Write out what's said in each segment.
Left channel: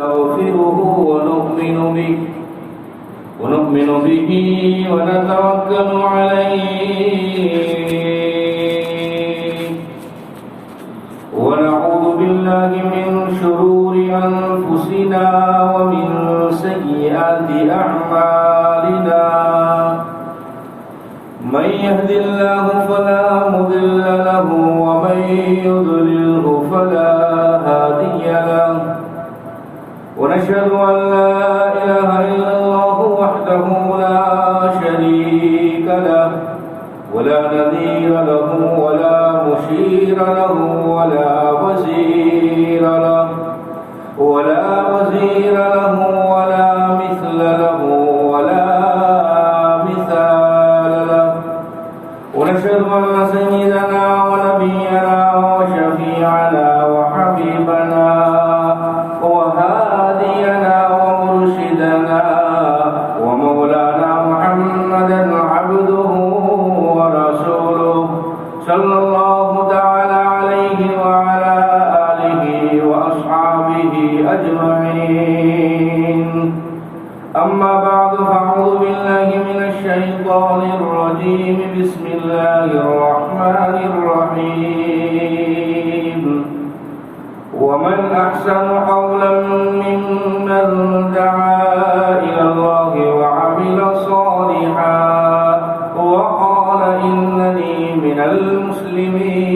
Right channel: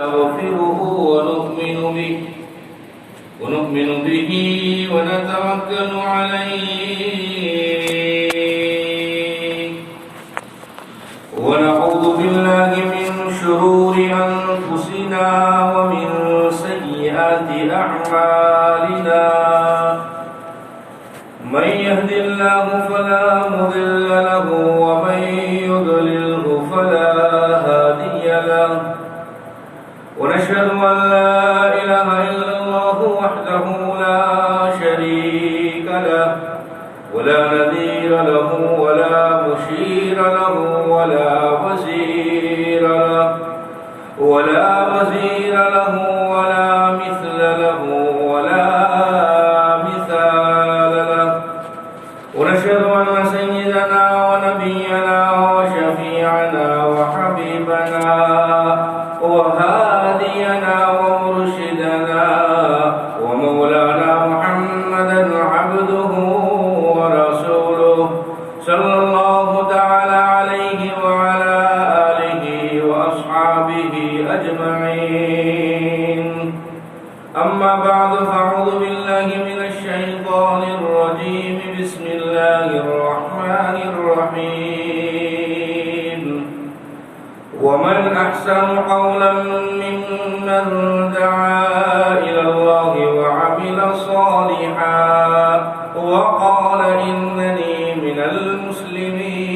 نستغفره ونؤمن به ونتوكل عليه ونعوذ بالله من شرور أنفسنا ومن سيئات أعمالنا من يهد الله فلا مضل له ومن يضلله فلا هادي له ونشهد أن لا إله إلا الله وحده لا شريك له ولا نذير له ولا مشير له ولا وزير له ولا مثل له ولا مثال له ونشهد أن سيدنا ونبينا وشفيعنا وحبيبنا وهادينا ومرشدنا ومولانا محمدا عبده ورسوله صلى الله تعالى عليه وعلى آله وأصحابه أجمعين أما بعد فأعوذ بالله من الشيطان الرجيم بسم الله الرحمن الرحيم ومن أحسن قولا ممن دعا إلى الله وعمل صالحا وقال إنني من المسلمين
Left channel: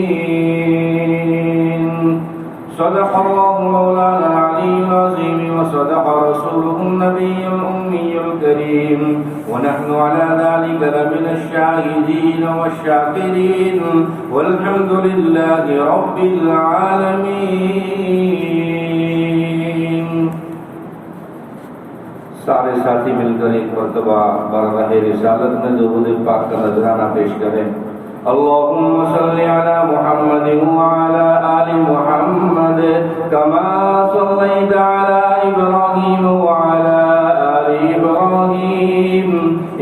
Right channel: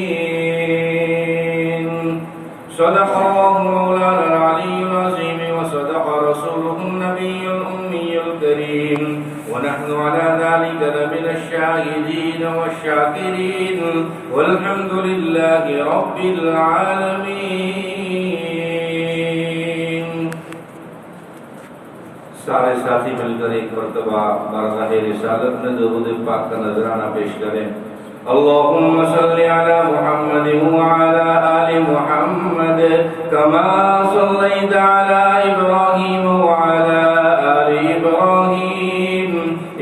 صدق الله مولانا العلي العظيم وصدق رسوله النبي الأمي الكريم ونحن على ذلك لمن الشاهدين والشاكرين والحمد لله رب العالمين. سارے ساتھی مل کر ایک مرتبہ بارگاہ رسالت میں درود پاک کا نذرانہ پیش کریں. اللهم صل على محمد وعلى آل محمد كما صليت على إبراهيم وعلى آل إبراهيم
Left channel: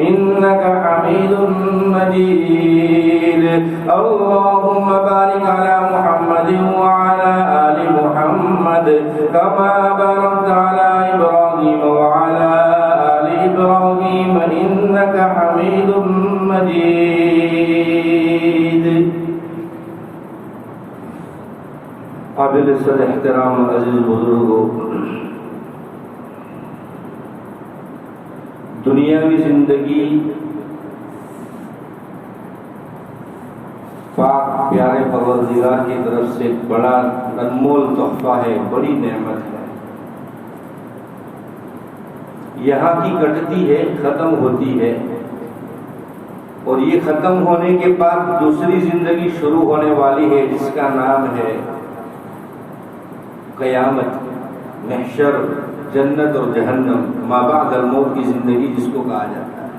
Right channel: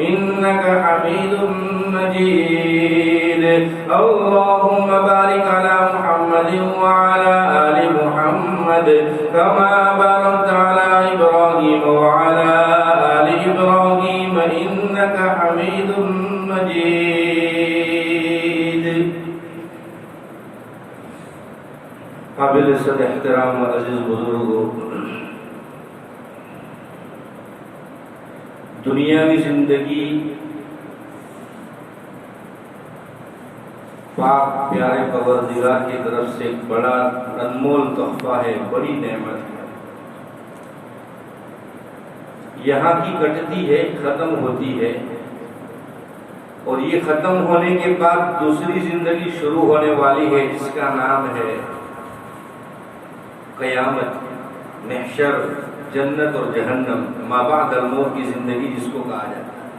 إنك حميد مجيد. اللهم بارك على محمد وعلى آل محمد كما باركت على إبراهيم وعلى آل إبراهيم إنك حميد مجيد. قابل صد احترام عزیز بزرگوں، دنیاوی زندگی پاک پیارے پروردگار کی طرف سے بڑا انمول تحفہ ہے، بڑی نعمت ہے. یہاں کی کٹتی ہے، ختم ہوتی ہے، اور یہ ختم ہونے کے بعد دوسری زندگی شروع ہونے والی ہے جس کا نام ہے قیامت، محشر، جنت اور جہنم، ما بعد الموت کی زندگی جس کو کہا جاتا ہے.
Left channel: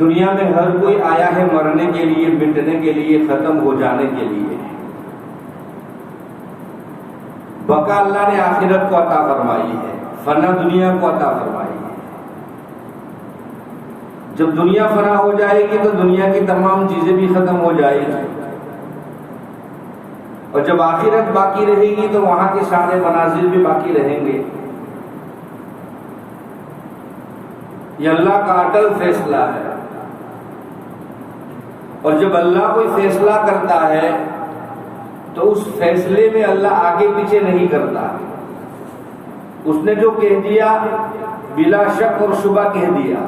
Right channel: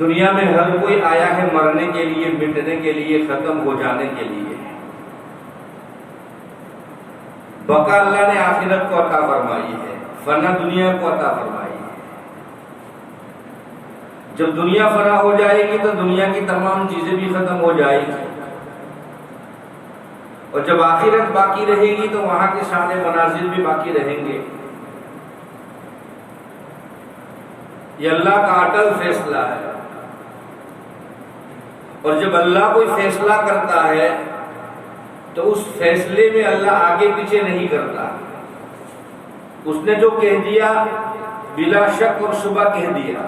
دنیا میں ہر کوئی آیا ہے مرنے کے لیے، مٹنے کے لیے، ختم ہو جانے کے لیے. بقا اللہ نے آخرت کو عطا فرمائی ہے، فنا دنیا کو عطا فرمائی ہے. جب دنیا فنا ہو جائے گی تو دنیا کی تمام چیزیں بھی ختم ہو جائیں گی، اور جب آخرت باقی رہے گی تو وہاں کے سارے مناظر بھی باقی رہیں گے. یہ اللہ کا اٹل فیصلہ ہے، اور جب اللہ کوئی فیصلہ کرتا ہے تو اس فیصلے میں اللہ آگے پیچھے نہیں کرتا. اس نے جو کہہ دیا بلا شک اور شبہ کہہ دیا.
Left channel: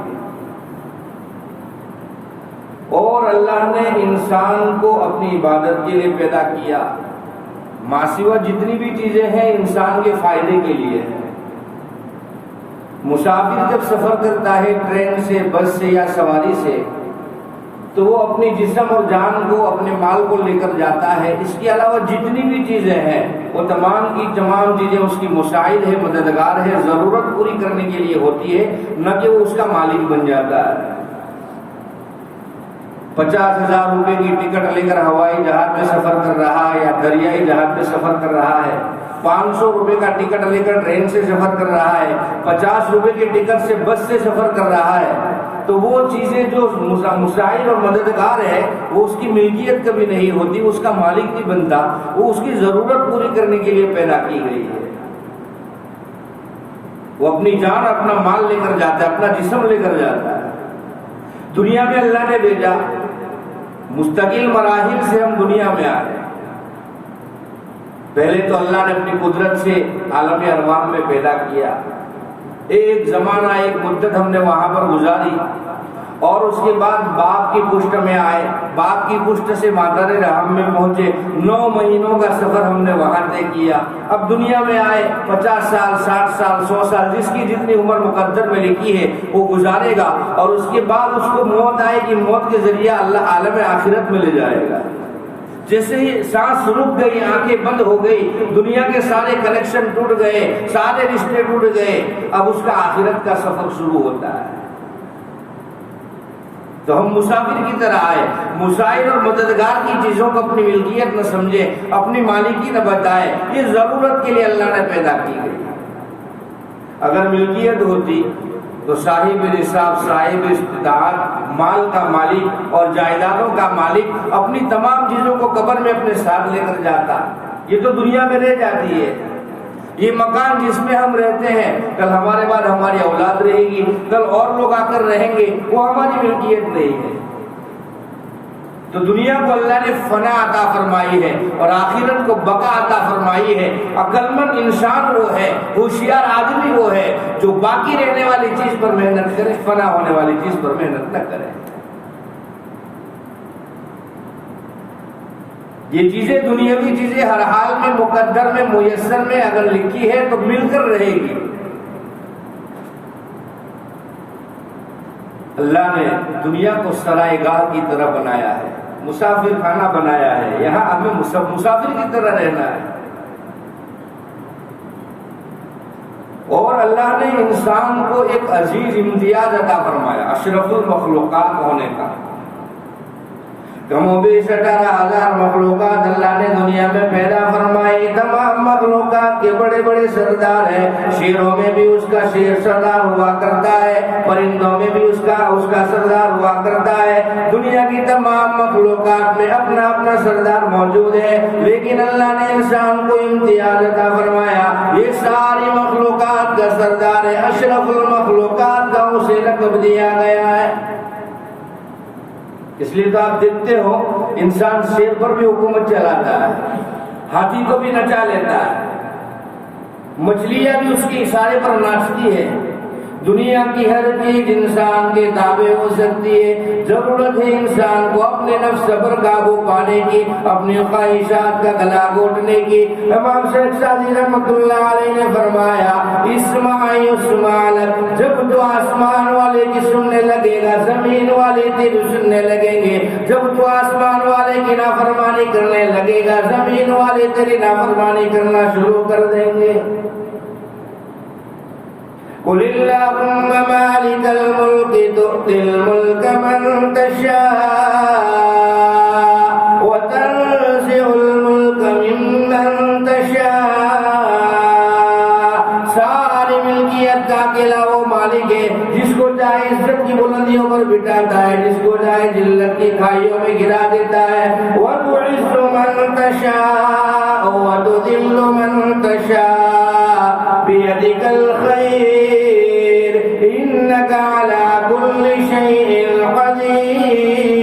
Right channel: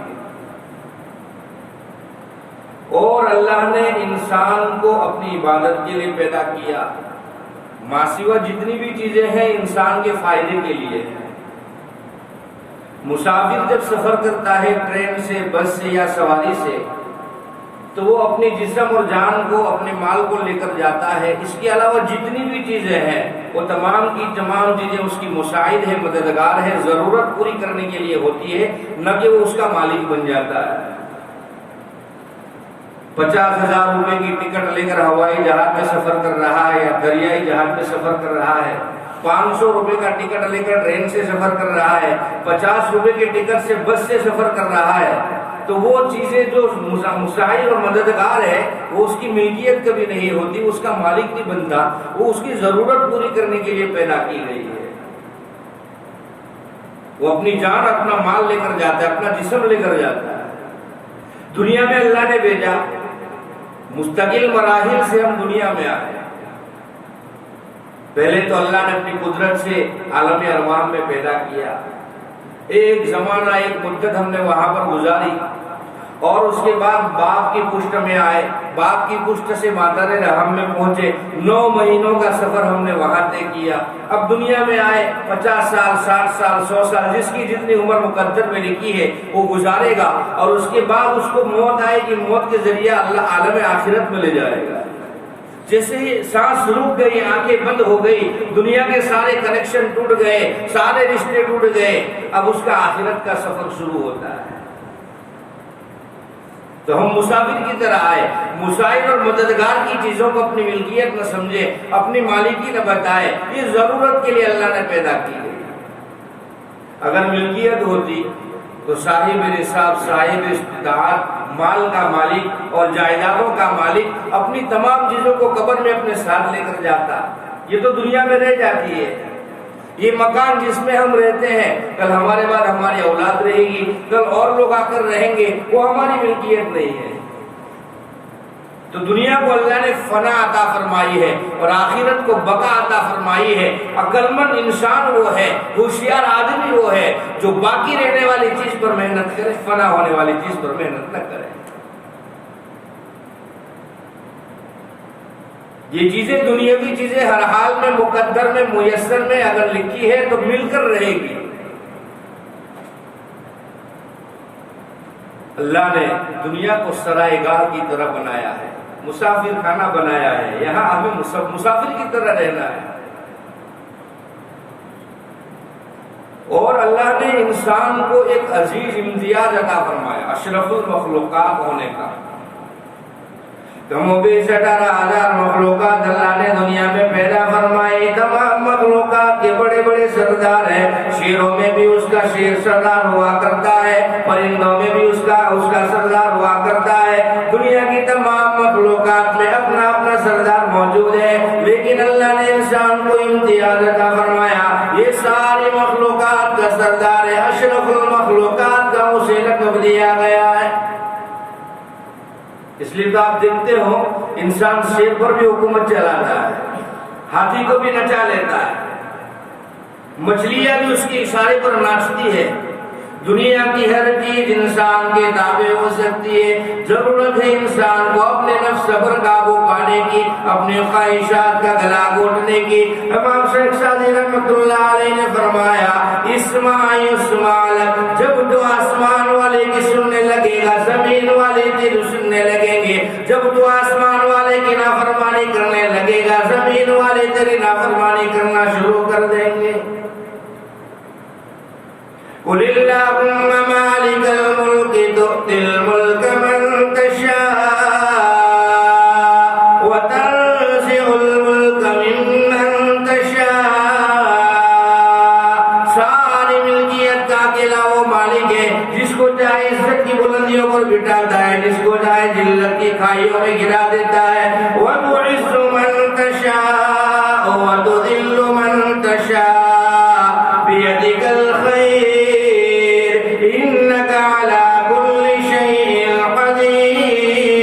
اور اللہ نے انسان کو اپنی عبادت کے لیے پیدا کیا. ماسوا جتنی بھی چیزیں ہیں انسان کے فائدے کے لیے ہیں. مسافر جب سفر کرتا ہے ٹرین سے، بس سے یا سواری سے، تو وہ اپنی جسم اور جان کو، اپنے مال کو لے کر جاتا ہے. اس کے علاوہ جتنی بھی چیزیں ہیں وہ تمام کی تمام چیزیں اس کی مساعد ہے، مددگار ہے، ضرورت پوری کرنے کے لیے ہوتی ہے، نہ کہ وہ اس کا مالک بن جاتا ہے. 50,000 روپے کی ٹکٹ لے کر ہوائی جہاز میں سفر کر رہا ہے یا دریائی جہاز میں سفر کر رہا ہے، 500 روپے کا ٹکٹ لے کر ٹرین سے سفر کر رہا ہے، 50 روپے کے ٹکٹ سے بس سے سفر کر رہا ہے، تو وہ چیزیں جو مساعد اور مددگار ہے وہ اس کی ملکیت کبھی نہیں ہوتی، اس کا مالک نہیں بنتا، وہ اس کی ضرورت پوری کرنے کے لیے پیدا کی گئی ہے۔ وہ اپنی جان اپنا مال لے کر جاتا ہے، اپنا جسم لے کر جاتا ہے۔ دنیا میں اللہ نے بھیجا، مستقل مراحل سے ہم دنیا میں آئے۔ پہلے تو اللہ نے اپنی قدرت سے عالم ارواح میں پیدا کیا، ایک زمانہ ایک مدت ہم نے وہاں پر گزاری، اور اس کے بعد باپ کی پشت میں آئے، باپ کی پشت سے مادر رحم میں پہنچے، 9 مہینوں کا سفر ہم نے وہاں طے کیا۔ اب دنیا میں آئے، 50 سال 60 سال 100 سال جس کی جتنی عمر مقدر میں لکھی ہے وہ گزارے گا، اور اس کے بعد اس کو موت آئے گی، موت کے ذریعہ اللہ عالم آخرت میں لے جائے گا۔ جیسے ہی سانس رک گئی، آنکھیں بند ہو گئی، دنیا کے سارے کنیکشن ٹوٹ گئے، سارے رشتے ٹوٹ گئے، اب اس کا آخرت کا سفر شروع ہوتا ہے۔ تو ہم مسافر کی طرح آئے، مساعد اور مددگار کی چیزوں کو اپنی ملکیت نہ سمجھے، اپنی مالکی نہ بتائے، یہ ضرورت کے لیے اللہ نے پیدا کی گئی۔ اگر ملکیت ہوتی تو صاحب نصاب، صاحب استطاعت، مال کا مالک اور جائیدادوں کا مالک اپنی تمام چیزوں کو قبر میں اپنے ساتھ لے کر جاتا۔ یہ تو دنیا میں رہ جاتی ہے، یہ مکان جس میں ہم رہتے ہیں، کل ہمارے بعد ہماری اولاد رہے گی، کل اور لوگ آ کر رہیں گے، وہ ہماری ملکیت نہیں ہے۔ تو دنیا کو اللہ نے فنا عطا فرمائی ہے اور آخرت کو بقا عطا فرمائی ہے۔ عقل مند انسان وہ ہے، ہوشیار آدمی وہ ہے جو باقی رہنے والی چیز پر محنت کرے، فنا ہونے والی چیز پر محنت نہ کرے۔ یہ چیزیں، دنیاوی چیزیں ہر حال میں مقدر میں میسر میں اگر لکھی ہے تو مل کر رہے گی۔ اللہ نے دنیا کو سرائے گاہ کی طرح بنایا ہے، مسافر خانہ بنایا ہے، یہاں ہمیں مسافر کی طرح رہنا ہے۔ اور اللہ نے انسان کو ایک عزیز امتیاز عطا فرمایا، اشرف المخلوقات ہونے کا۔ کم و بیش 18,000 مخلوقات اللہ نے دنیا میں پیدا فرمائی، تمام مخلوقات کے بڑے بڑے سردار ہیں۔ شیروں میں بھی اس کا شیر سردار ہوا کرتا ہے، پرندوں میں بھی اس کا سردار ہوا کرتا ہے۔ دنیا کی تمام مخلوقات میں اپنا اپنا سردار موجود ہے، لیکن اللہ نے انسان کو امتیاز عطا فرمایا، یہ ساری مخلوقات کا سردار ہے، اشرف المخلوقات کا اسے لقب دیا گیا ہے۔ اس لیے تو آپ دیکھتے ہو انسان شیر پر بھی حکومت چلاتا ہے، ہاتھی کو بھی نچا لیتا ہے، مچھلیاں بھی اس کے اشارے پر ناچتی ہے۔ دنیا کی ہر چیز انسان کے تابع ہو سکتی ہے، ضرورت ہے انسان کو اپنے نفس پر قابو پانے کی، اپنی خواہشات کا گلا گھونٹنے کی۔ امام شیخ سعدی رحمۃ اللہ علیہ نے فرمایا، اسمع یسمع لک، جب تو آسمان والے کی سننے لگے گا زمین والے تیری سننے لگیں گے، جب تو آسمان والے کی نافرمانی کرنے لگے گا زمین والے تیری نافرمانی کرنا شروع کر دیں گے۔ قل اللہم مالک الملک تؤتی الملک من تشاء وتنزع الملک ممن تشاء۔ ساری ملکیت کا اکیلا وہ مالک ہے جس کو چاہے عزت کی بلندیوں پر بٹھاتا ہے، جس کو چاہے ذلت کی کھائیوں میں گرا دیتا ہے۔ وتعز من تشاء وتذل من تشاء بیدک الخیر انک علی کل شیء قدیر۔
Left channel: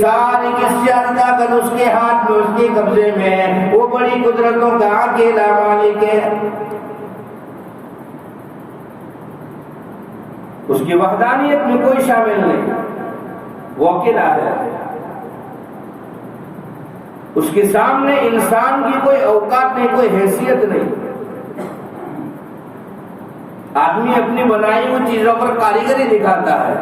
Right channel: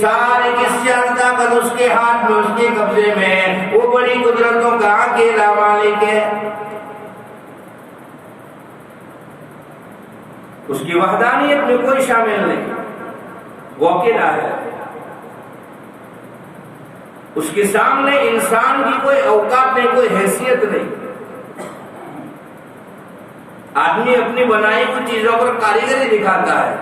سارے کس چیز طاقت اس کے ہاتھ میں، اس کے قبضے میں ہے، وہ بڑی قدرتوں کا اکیلا مالک ہے۔ اس کی وحدانیت میں کوئی شامل نہیں، وہ اکیلا ہے۔ اس کے سامنے انسان کی کوئی اوقات نہیں، کوئی حیثیت نہیں۔ آدمی اپنی بنائی ہوئی چیزوں پر کاریگری دکھاتا ہے،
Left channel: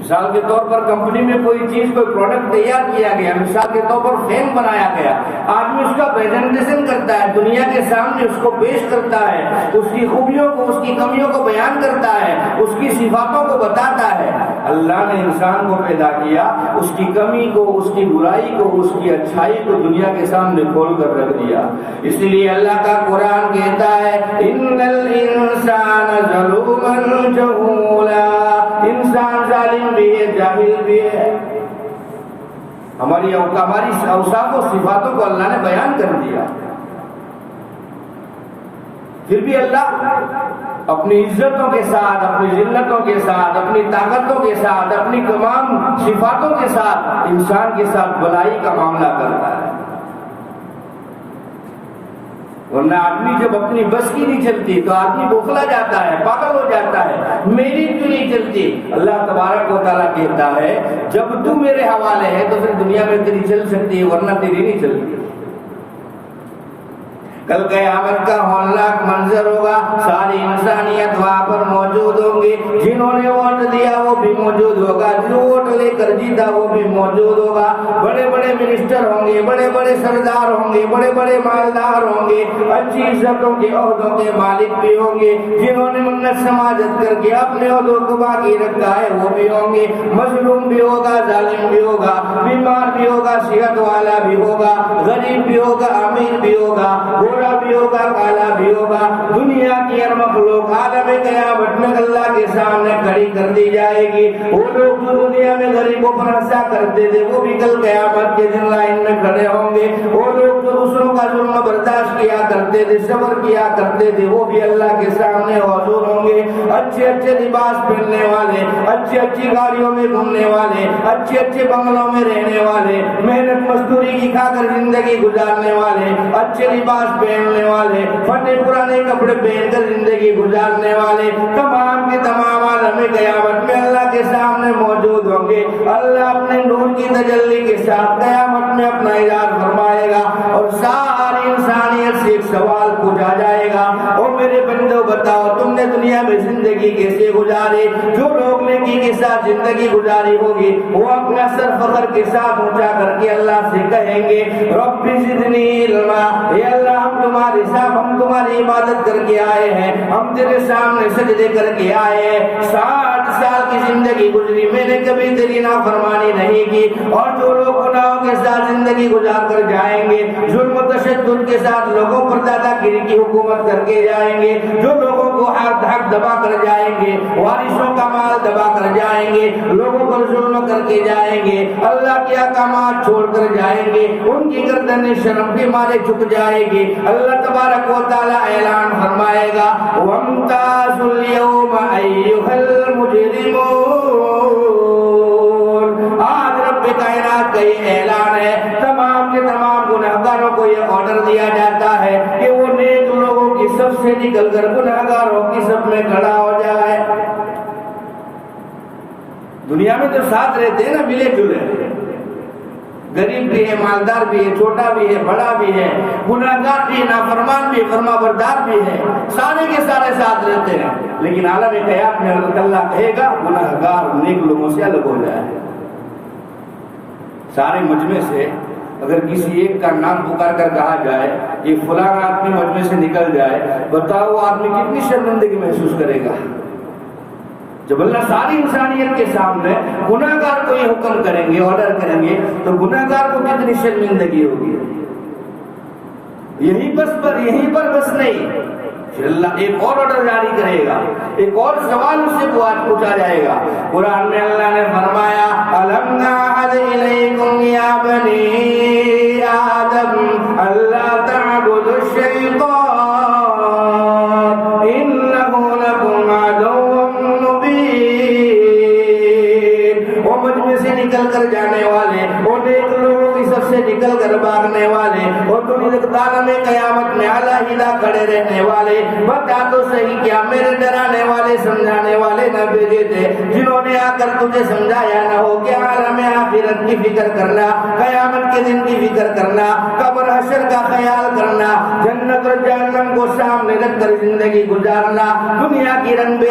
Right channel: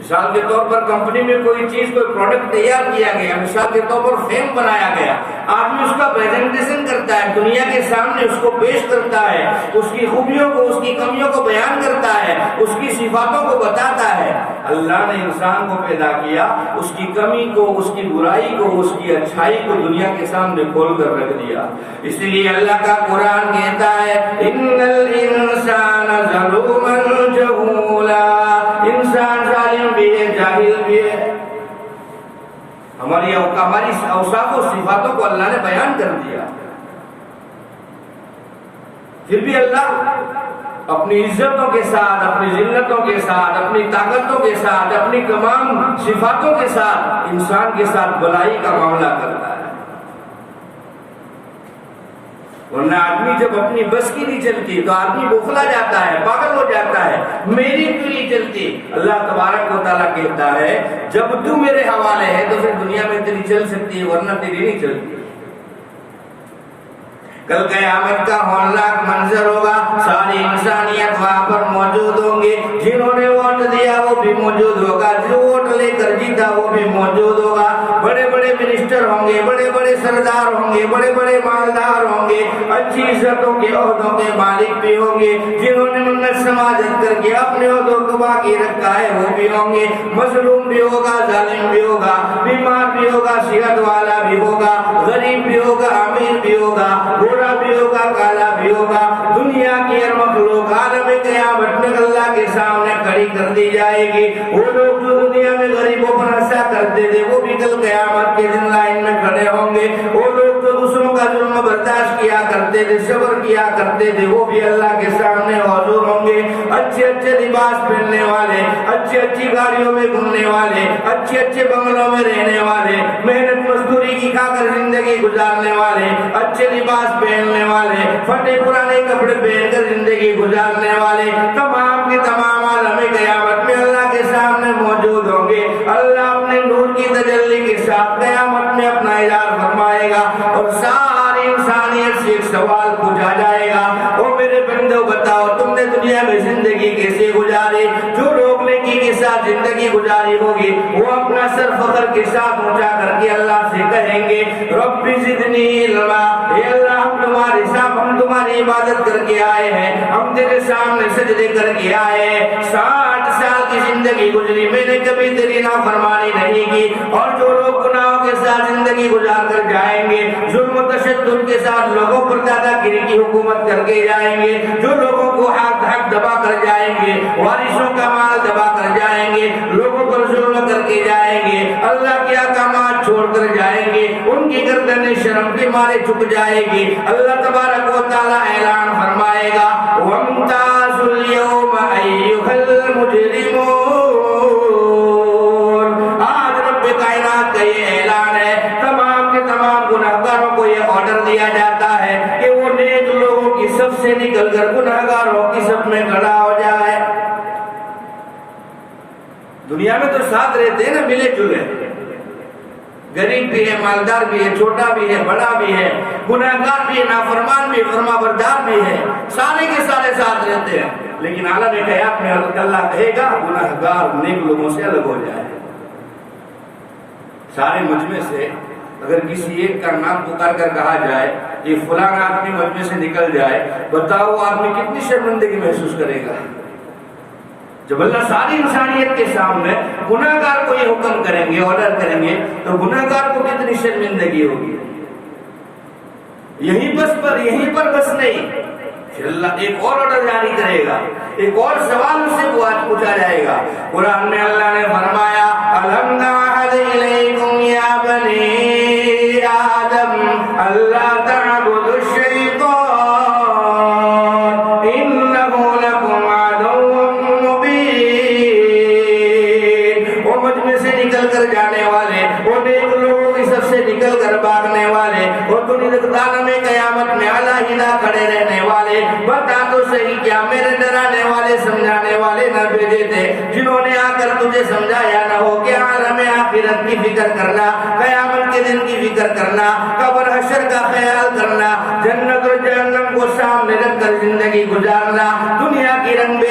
مثال کے طور پر کمپنی میں کوئی چیز کوئی پروڈکٹ تیار کیا گیا، مثال کے طور پر فین بنایا گیا، آدمی اس کا پریزنٹیشن کرتا ہے، دنیا کے سامنے اس کو پیش کرتا ہے، اس کی خوبیوں کو اس کی کمیوں کو بیان کرتا ہے، اس کی صفاتوں کو بتاتا ہے۔ اللہ نے انسان کو پیدا کیا، اس کی کمی کو، اس کی برائی کو، اس کی اچھائی کو دنیا کے سامنے کھول کر رکھ دیا۔ اس لیے اللہ کا قرآن کہتا ہے ان الانسان ظلوما جہولا، انسان ظالم بھی ہے، جاہل بھی ہے۔ ہماری اوصاف و صفاتوں کو اللہ نے بیان کر دیا، پھر بھی اللہ اپنی عزتوں کے ساتھ، اپنی ذلتوں کے ساتھ، اپنی طاقتوں کے ساتھ، اپنی تمام صفاتوں کے ساتھ انسان کے ساتھ بلائی کا معاملہ کرتا ہے۔ ورنہ آدمی جب اپنی بس کی نہیں چلتی تو آدمی بوکھلا جاتا ہے، پاگل ہو جاتا ہے، میری کیوں نہیں چلتی؟ اللہ تبارک و تعالیٰ کہتا ہے جب تو میرے حوالے ہے تو پھر دنیا میں تیری چل سکتی ہے، ورنہ تیری نہیں چلتی۔ کل قیامت کا ہولناک منظر ہوگا، ساری انسانیت وہاں پر موجود ہوں گے، جنہوں نے ووٹ دیا وہ بھی موجود ہوگا، جو ووٹ لے کر جیتا وہ بھی موجود ہوگا، بڑے بڑے منسٹر ہوں گے، بڑے بڑے سردار ہوں گے، بڑے بڑے مالدار ہوں گے، اچھی عزتوں کے عہدوں کے مالک بھی ہوں گے، جنہوں نے منت سماجت کر کے اپنے عہدوں کو باقی رکھا ہے وہ بھی ہوں گے، مظلوم بھی ہوگا، ظالم بھی ہوگا، بیمار بھی ہوگا، صحت والا بھی ہوگا، غریب بھی ہوگا، امیر بھی ہوگا، گورا بھی ہوگا، کالا بھی ہوگا، دنیا کی ہر مخلوق عالم قیامت میں اللہ کے سامنے کھڑی کر دی جائے گی۔ وہ لوگ جو دنیا میں غریبوں پر ہنسا کرتے تھے وہ بھی کل قیامت کے دن لائن میں کھڑے ہوں گے، وہ لوگ جو دوسروں کا ظلم برداشت کیا کرتے تھے، صبر کیا کرتے تھے، وہ بھی اللہ کے سامنے حاضر ہوں گے۔ اچھے اچھے لباس پہننے والے، اچھی اچھی گاڑیوں میں گھومنے والے، اچھے اچھے بنگلوں میں رہنے والے، محنت مزدوری کی کھا کر زندگی گزارنے والے، اچھے لباس پہننے والے، پھٹے پرانے کپڑے پہن کر زندگی گزارنے والے، تمام کے تمام عالم قیامت میں اللہ کے سامنے موجود ہوں گے۔ اللہ اپنے نور کی تجلی کے ساتھ قیامت میں اپنا اظہار فرمائے گا اور ساری انسانیت سے ایک سوال پوچھا جائے گا، اور میرے بندو بتاؤ تم نے دنیا میں زندگی کیسے گزاری؟ جو لوگ نیکی کے ساتھ زندگی گزاری ہوگی وہ اپنا سر فخر کے ساتھ اونچا کر کے اللہ سے کہیں گے رب زدنی علما، اے اللہ ہم تمہاری عبادت کر کے آئے ہیں، ہم تیرے سامنے سجدے کر کے آئے ہیں، 60 سال کی زندگی گزری میں نے کبھی تیری نافرمانی نہیں کی، اور جو لوگ گناہوں کے ساتھ زندگی گزار کر جائیں گے، ظلم و تشدد کے ساتھ لوگوں پر دادا گیری کی حکومت کر کے جائیں گے، جو لوگوں کو حق دبا کر جائیں گے، وارثوں کا مال دبا کر جائیں گے، لوگوں پر ظلم کر کے جائیں گے، اللہ کے احکامات چھوڑ کر جائیں گے، ان کی گردنیں شرم کے مارے جھک جائے گی، اللہ تبارک و تعالی اعلان فرمائے گا وَامْتَازُوا الْيَوْمَ أَيُّهَا الْمُجْرِمُونَ۔ آج رب کائنات کا یہ اعلان ہے، تمام کے تمام گنہگاروں کو یہ آرڈر دیا جاتا ہے کہ وہ نیک لوگوں کی صف سے نکل کر گنہگاروں کی صف میں کھڑا ہو جائے۔ دنیا میں تو ساتھ رہتے ہیں نا، ملے جلے، غریب بھی ہے، مالدار بھی ہے، چھوٹا بھی ہے، بڑا بھی ہے، گناہگار بھی ہے، نافرمان بھی ہے، فرما بردار بھی ہے، سارے کے سارے ساتھ رہتے ہیں، لیکن عالم قیامت میں اللہ کہے گا گناہگار نیک لوگوں سے الگ ہو جائے۔ سارے مجمع سے اگر کسی ایک کا نام پکار کر کہا جائے کہ فلاں آدمی مجمع سے نکل جائے، بتاؤ وہ آدمی کتنی شرمندگی محسوس کرے گا؟ جب اللہ ساری انسانیت کے سامنے گناہگار کو یہ حکم کریں گے، آرڈر کریں گے، تو گناہگار کو کتنی شرمندگی ہوگی۔ یہیں پر بس نہیں، پھر اللہ ایک اور آرڈر جاری کرے گا، ایک اور سوال اس سے پوچھا جائے گا۔ قرآن میں اللہ نے فرمایا أَلَمْ نَعْهَدْ إِلَيْكُمْ يَا بَنِي آدَمَ أَلَّا تَعْبُدُوا الشَّيْطَانَ إِنَّهُ لَكُمْ عَدُوٌّ مُّبِينٌ۔ وہ مجمع سے نکل کر جانے والے، وہ نیک لوگوں کی سب سے نکل کر بھاگنے والے، اور عالم قیامت میں علیحدہ کھڑے رہنے والے، بتا تو صحیح کیا میرے ڈرانے والے سمجھانے والے نہ بھیجے تھے جنہوں نے آ کر تجھے سمجھایا نہ ہو کہ عالم آخرت کی فکر کرنا، قیامت کے دن کی فکر کرنا، قبر حشر کا خیال کرنا، جنت اور جہنم کو سامنے رکھ کر زندگی گزارنا، دنیا کی رنگ بے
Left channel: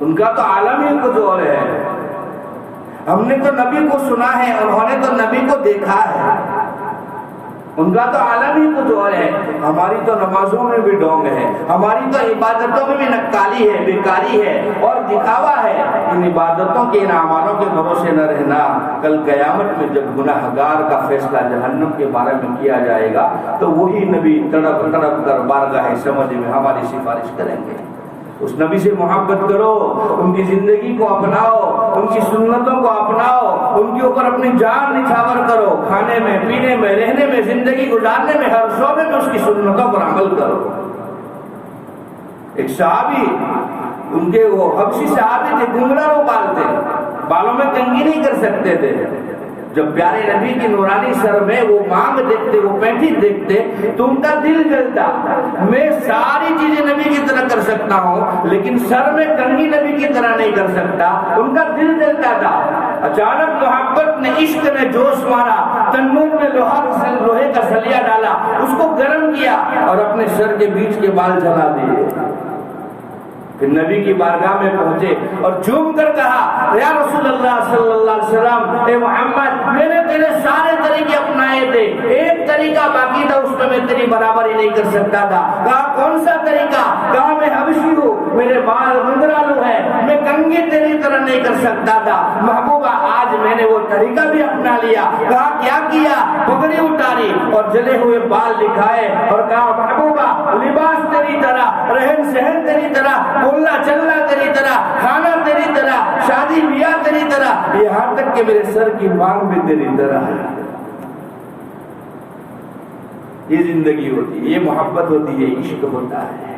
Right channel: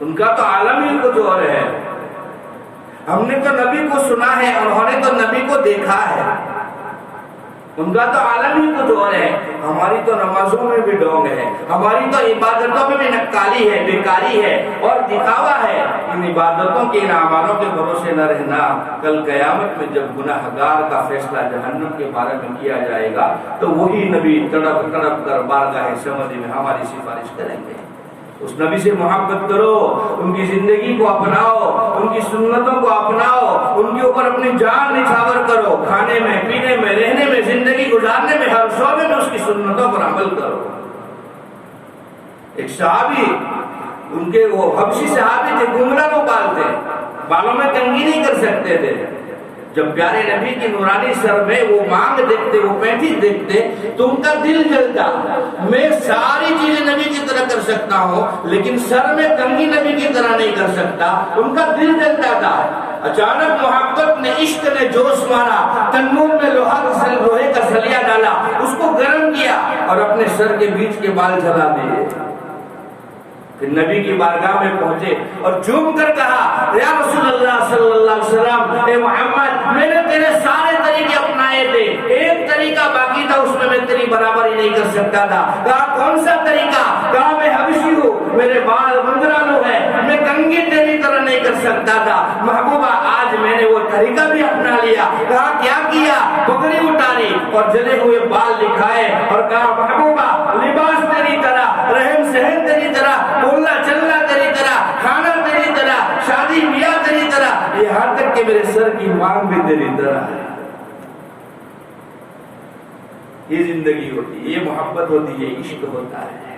ان کا تو عالم ہی کچھ اور ہے. ہم نے تو نبی کو سنا ہے، انہوں نے تو نبی کو دیکھا ہے. ان کا تو عالم ہی کچھ اور ہے. ہماری تو نمازوں میں بھی ڈونگ ہے، ہماری تو عبادتوں میں بھی نکالی ہے، بیکاری ہے اور دکھاوا ہے. ان عبادتوں کے، ان اعمالوں کے بھروسے نہ رہنا. کل قیامت میں جب گناہگار کا فیصلہ جہنم کے بارے میں کیا جائے گا تو وہی نبی تڑپ تڑپ کر بارگاہ سمجھ میں ہماری سفارش کریں گے. اس نبی سے محبت کرو، ان کی زندگی کو اپناؤ، ان کی سنتوں کو اپناؤ، ان کے اوپر اپنی جان نچھاور کرو. کھانے میں، پینے میں، رہنے میں، زندگی گزارنے میں، ہر شعبے میں اس کی سنتوں پر عمل کرو. ایک صحابی، ان کے وہ حبشی صحابی تھے، گھنگرا وہ بال تھے، بالوں میں کنگھی نہیں کر سکتے تھے. جب پیارے نبی کی نورانی سر میں وہ مانگ دیکھتے، وہ پینٹی دیکھتے تو ان کا دل جلتا. میں ساری چیزیں نبی کی طرح کر سکتا ہوں لیکن سر میں کنگھی نبی کی طرح نہیں کر سکتا. ان کا دل جلتا تھا. اچانک محبت نے، عشق نے جوش مارا، تنور میں لوہے کا سلیا ڈالا، اس کو گرم کیا اور اپنے سر کے بیچ کے بال جلا دیے. پھر نبی کی بارگاہ میں پہنچے اور جھوم کر کہا، یا رسول اللہ صلی اللہ علیہ وسلم، اے محمد، میں نے تیرے سارے طریقے اپنائے تھے، ایک طریقہ باقی تھا، اس میں تیری برابری نہیں کر سکتا تھا. کہا کون سا طریقہ؟ کہا میں حبشی ہوں، میرے بال منگرالو ہے، میں کنگھی تیری طرح نہیں کر سکتا تھا. محبوبہ آج میں نے وہ طریقہ بھی اپنا لیا. کہا کیا کیا؟ پگڑی اٹھاری اور جلے ہوئے بال دکھائے اور کہا محبوبہ لباس تیری طرح، رہن سہن تیری طرح، بولنا چلنا تیری طرح، کھانا تیری طرح، شادی بیاہ تیری طرح، یہاں تک کہ میرے سر کی مانگ بھی تیری طرح ہے. یہ زندگی ہوتی ہے، یہ محبت ہوتی ہے، عشق ہوتا ہے.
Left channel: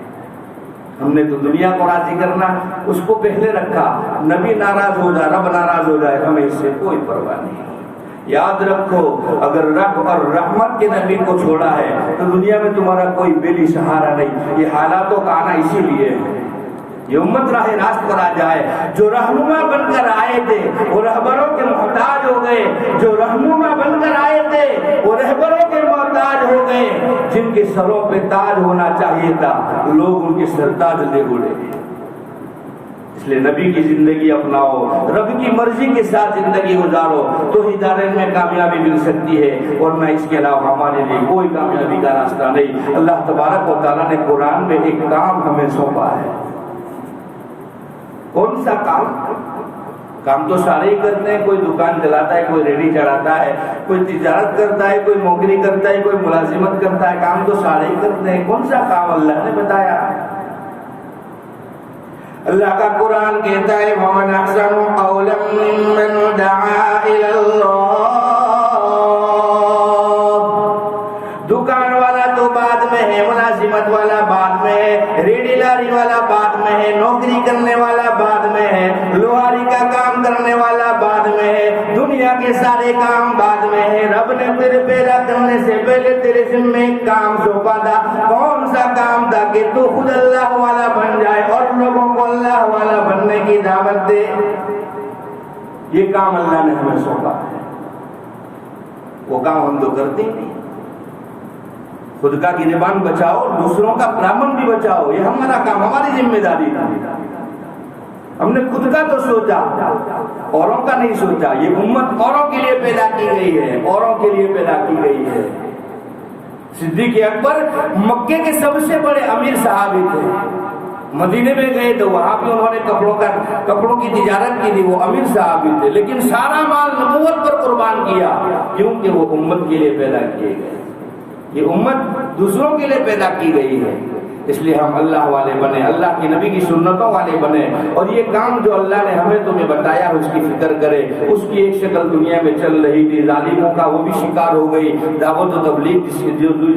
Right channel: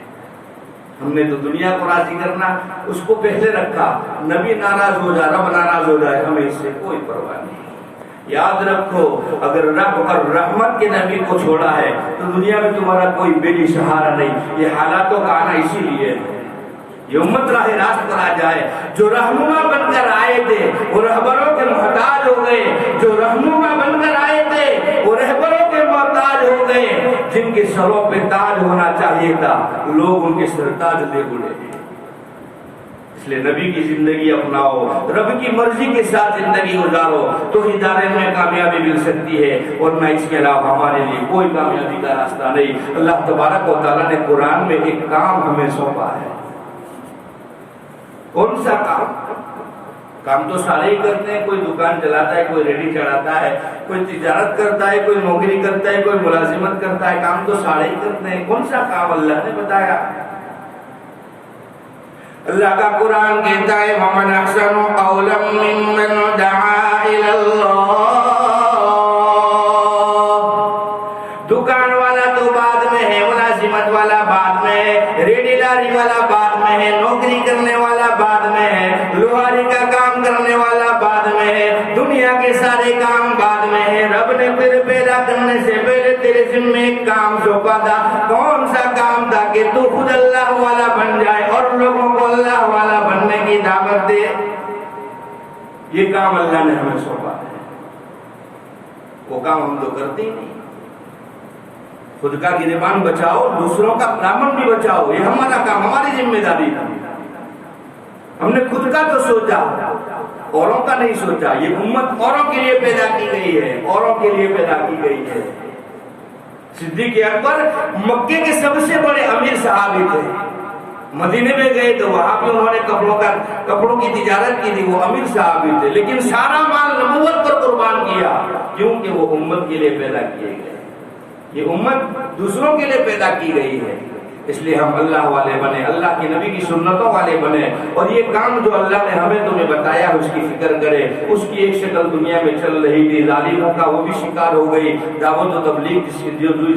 ہم نے تو دنیا کو راضی کرنا اس کو پہلے رکھا. نبی ناراض ہو جائے، رب ناراض ہو جائے، ہمیں اس سے کوئی پرواہ نہیں. یاد رکھو، اگر رب اور رحمت کے نبی کو چھوڑا ہے تو دنیا میں تمہارا کوئی بے سہارا نہیں. یہ حالاتوں کا آنا اسی لیے ہے. یہ امت راہ راست پر آ جائے. جو رہنما بن کر آئے تھے وہ رہبروں کے محتاج ہو گئے، جو رہنما بن کر آئے تھے وہ رہبروں کے محتاج ہو گئے. جن کے سروں پہ تاج ہونا چاہیے تھا لوگ ان کے سرتاج لے اڑے. اس لیے نبی کی زندگی اپناؤ، رب کی مرضی کے ساتھ زندگی گزارو تو ہی دارین میں کامیابی مل سکتی ہے، ورنہ اس کے علاوہ ہمارے لیے کوئی کامیابی کا راستہ نہیں. اللہ تبارک و تعالیٰ نے قرآن میں ایک کام ہمیں سونپا ہے. کون سا کام؟ کام تو سارے ہی کرتے ہیں. کوئی دکان چلاتا ہے، کوئی ریڈی چڑھاتا ہے، کوئی تجارت کرتا ہے، کوئی نوکری کرتا ہے، کوئی ملازمت کرتا ہے. کام تو سارے ہی کرتے ہیں. کون سا کام اللہ نے بتایا؟ اللہ کا قرآن کہتا ہے وَمَنْ أَحْسَنُ قَوْلًا مِّمَّنْ دَعَا إِلَى اللَّهِ. دکان والا تو بعد میں ہے، ملازمت والا بعد میں ہے، ریڈی لاری والا بعد میں ہے، نوکری کرنے والا بعد میں ہے، لوہاری کا کام کرنے والا بعد میں ہے، دنیا کے سارے کام بعد میں ہے. رب نے تیرے پیدا کرنے سے پہلے تیرے ذمہ ایک کام سونپا تھا. کون سا کام تھا؟ کہ تو خود اللہ والا بن جائے اور لوگوں کو اللہ والا بننے کی دعوت دے. یہ کام اللہ نے ہمیں سونپا ہے. وہ کام ہم تو کرتے ہی نہیں. خود کا گریبان بچاؤ، دوسروں کا دامن بھی بچاؤ. یہ ہمارا کام، ہماری ذمہ داری ہے. ہم نے خود کا تو سوچا، اوروں کا نہیں سوچا. یہ امت اوروں کے لیے پیدا کی گئی ہے، اوروں کے لیے پیدا کی گئی ہے. صدیق اکبر مکے کے سب سے بڑے امیر صحابی تھے. مدینے میں گئے تو وہاں بھی انہوں نے کپڑوں کی تجارت کی تھی. وہ امیر صحابی تھے لیکن سارا مال نبوت پر قربان کیا، کیونکہ وہ امت کے لیے پیدا کیے گئے. یہ امت دوسروں کے لیے پیدا کی گئی ہے. اس لیے ہم اللہ والے بنے، اللہ کی نبی کی سنتوں والے بنے، اور یہ کام جو اللہ نے ہمیں تمہیں بتایا اس کی فکر کرے. اس کی ایک شکل دنیا میں چل رہی تھی، ظالموں کا وہ بھی شکار ہو گئی. دعوت و تبلیغ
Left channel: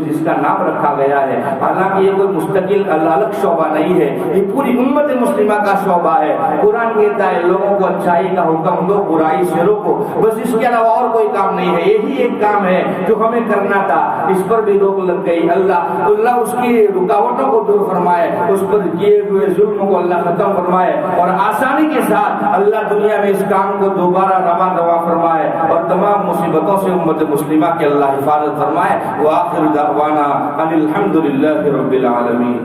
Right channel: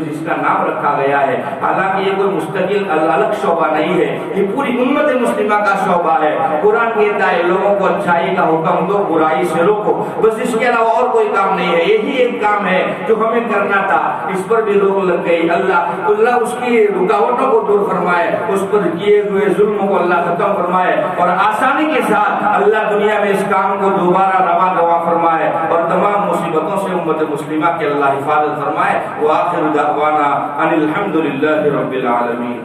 جس کا نام رکھا گیا ہے، حالانکہ یہ کوئی مستقل الگ شعبہ نہیں ہے، یہ پوری امت مسلمہ کا شعبہ ہے. قرآن کہتا ہے لوگوں کو اچھائی کا حکم دو، برائی سے روکو. بس اس کے علاوہ اور کوئی کام نہیں ہے. یہی ایک کام ہے جو ہمیں کرنا تھا. اس پر بھی روک لگ گئی. اللہ اس کی رکاوٹوں کو دور فرمائے، اس پر کیے ہوئے ظلم کو اللہ ختم فرمائے، اور آسانی کے ساتھ اللہ دنیا میں اس کام کو دوبارہ رواں فرمائے، اور تمام مصیبتوں سے امت مسلمہ کے اللہ حفاظت فرمائے. وآخر دعوانا ان الحمد للہ رب العالمین.